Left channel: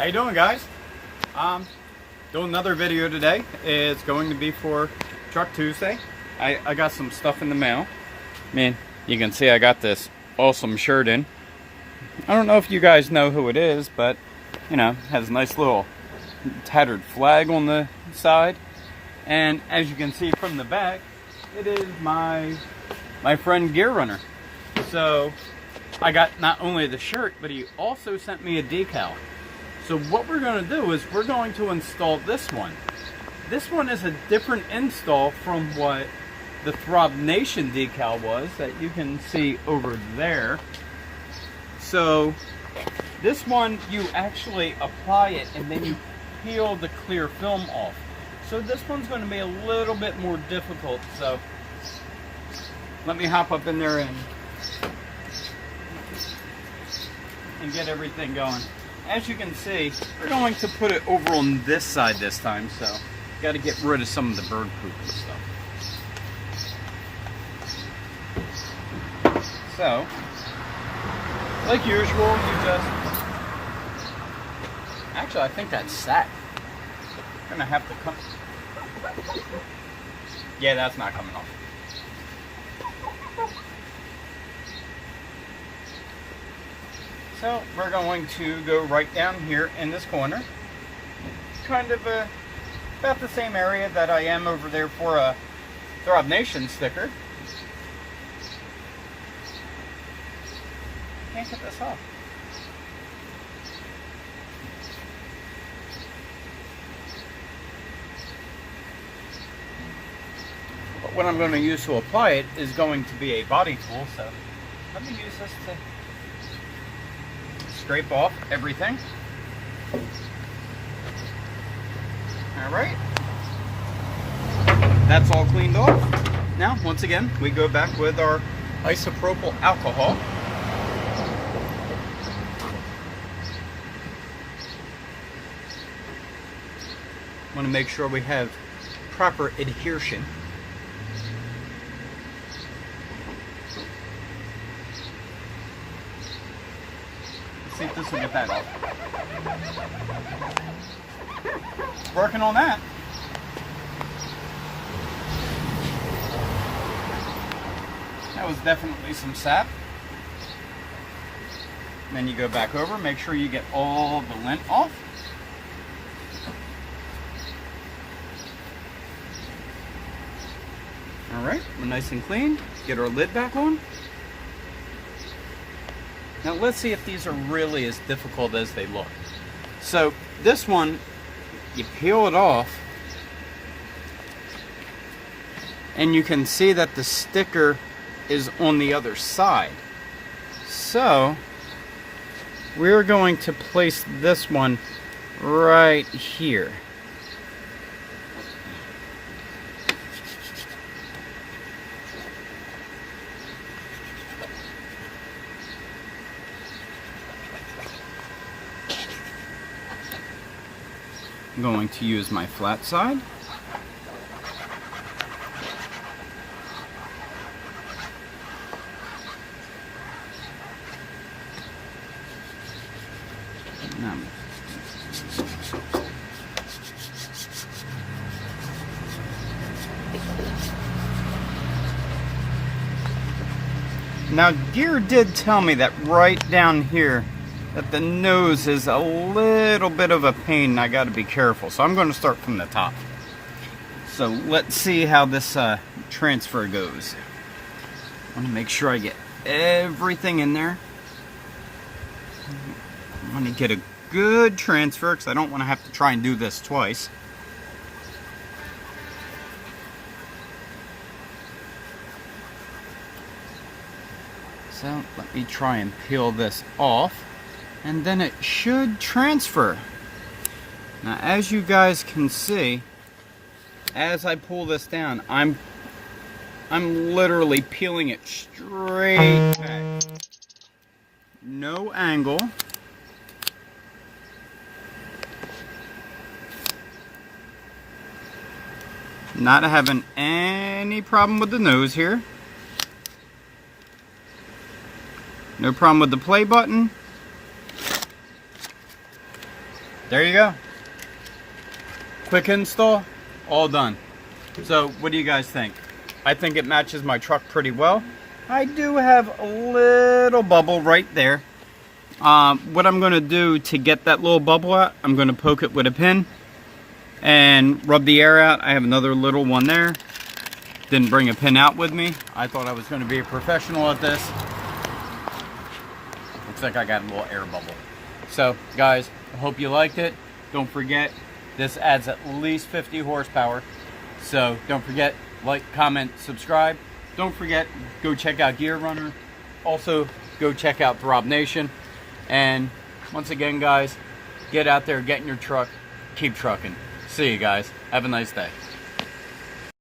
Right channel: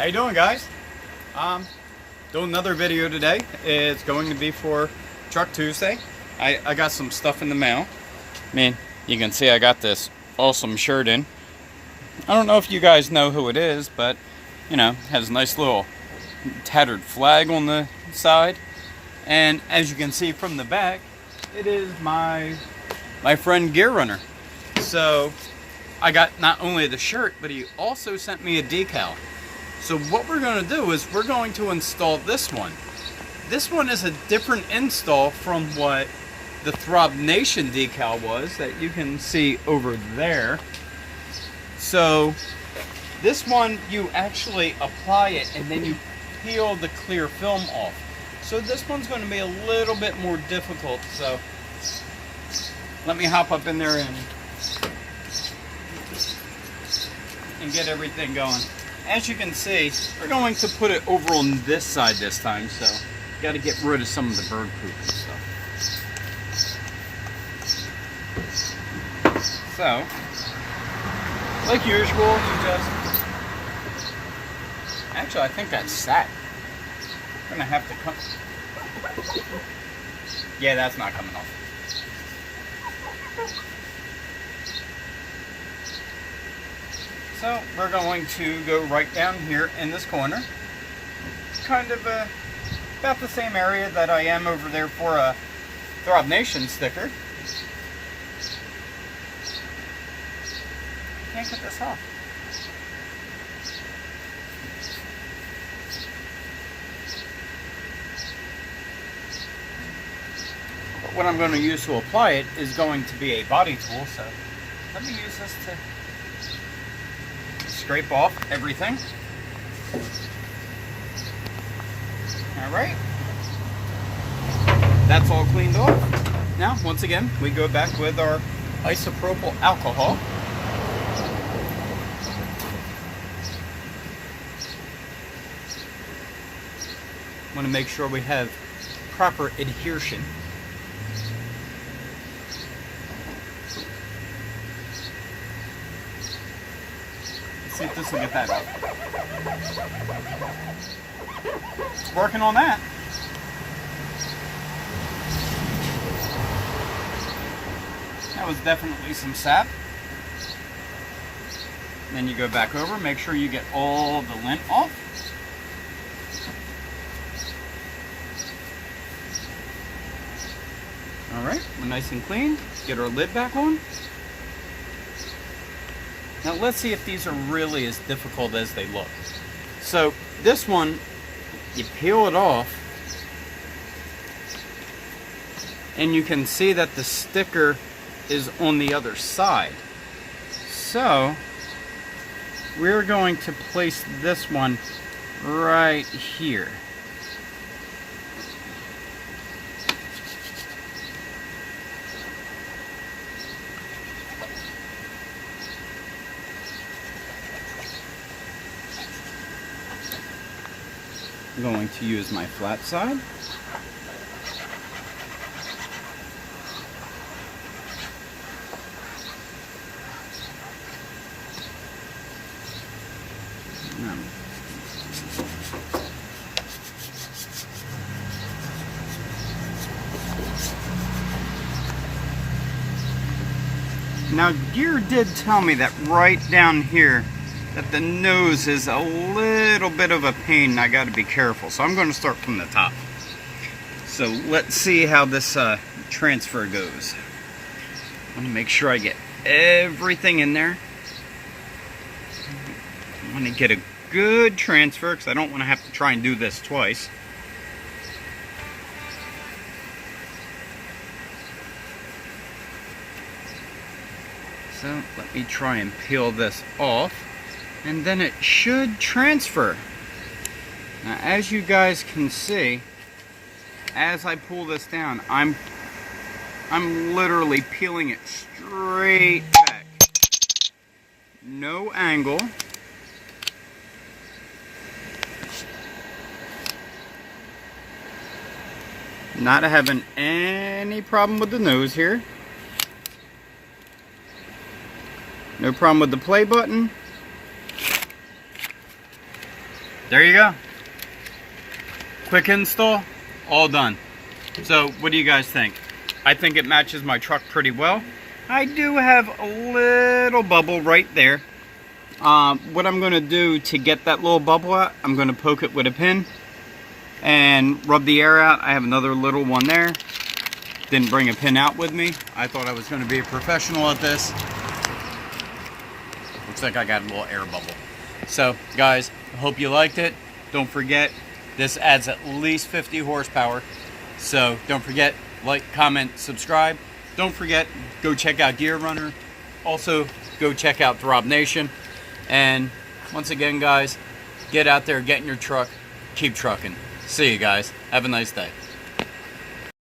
How you doing, guys? Doing another video today. It's going to be for Truck Tuesday. I got some stuff in the mail. Man, you can see I got this awesome shirt in. I don't know if you guys know who it is, but you know, has a nice little tattered flag on the side. And as you can see from the back, it is my friend Gear Runner. So I got not only the shirt, but he also sent me a decal. So what we're going to do is we're going to install this one. This one is a different install from what the Throb Nation decal was that you can see over there. So this one, you actually apply it and then you peel the clear film off. So this one's going to be a little bit more difficult. So let me hop up in there and get everything going. As you can see, we're going to put it over on this side this time, so got to get rid of some of the bird poop and stuff. So, like usual, you just... Actually, I think that's sat. I'm going to have to come... Yeah, that's not coming off. So we're going to go right down here in this corner, kind of about the same area that I am over there for a Throb Nation sticker. Can't get this off. But what I'm going to use to apply it is going to be a body tool, so let me use this to scrape off everything. Alright. That's all cleaned off. Now, once again, we go back with our isopropyl alcohol. Want to make sure we have proper adhesion. See if this will get that off. Working on that. That was definitely some sap. And then you go back over, make sure you get all the lint off. Alright, we're nice and clean. Get our lid back on. Now let's see if these are really as difficult as they look. So this one, you peel it off and you can see that the sticker is on the other side. So we're going to place this one right here. I'm going to use my flat side. Now, Gear did tell me that right down here that the nose is a little bit of a pain and I got to be careful. So I'm going to start from the top. So let's see how this transfer goes. I want to make sure I get everything in there. I want to get a good transfer because I don't want to have to try and do this twice. So let me try and peel this off. And then it should transfer. Now, as you guys can see, as I pull this down, I'm literally peeling it straight back. No angle. Not having any problem with the nose here. No problem with the play button. there you go. Quick install, all done. So what do you guys think? I think it matches my truck pretty well. I do have a little bubble right there. What I'm going to do to get that little bubble out, I'm going to poke it with a pin and rub the air out. I have another little one there. Didn't bring a pin out with me. I thought I was going to be a professional at this. Looks like I got a little air bubble. So guys, I hope you liked it. Don't forget, this adds at least 50 horsepower. So don't forget, like, comment, subscribe. Don't forget, go check out Gear Runner. Also, go check out Throb Nation. And once again, guys, get out there, get in your truck, keep trucking. See you guys. Have a nice day.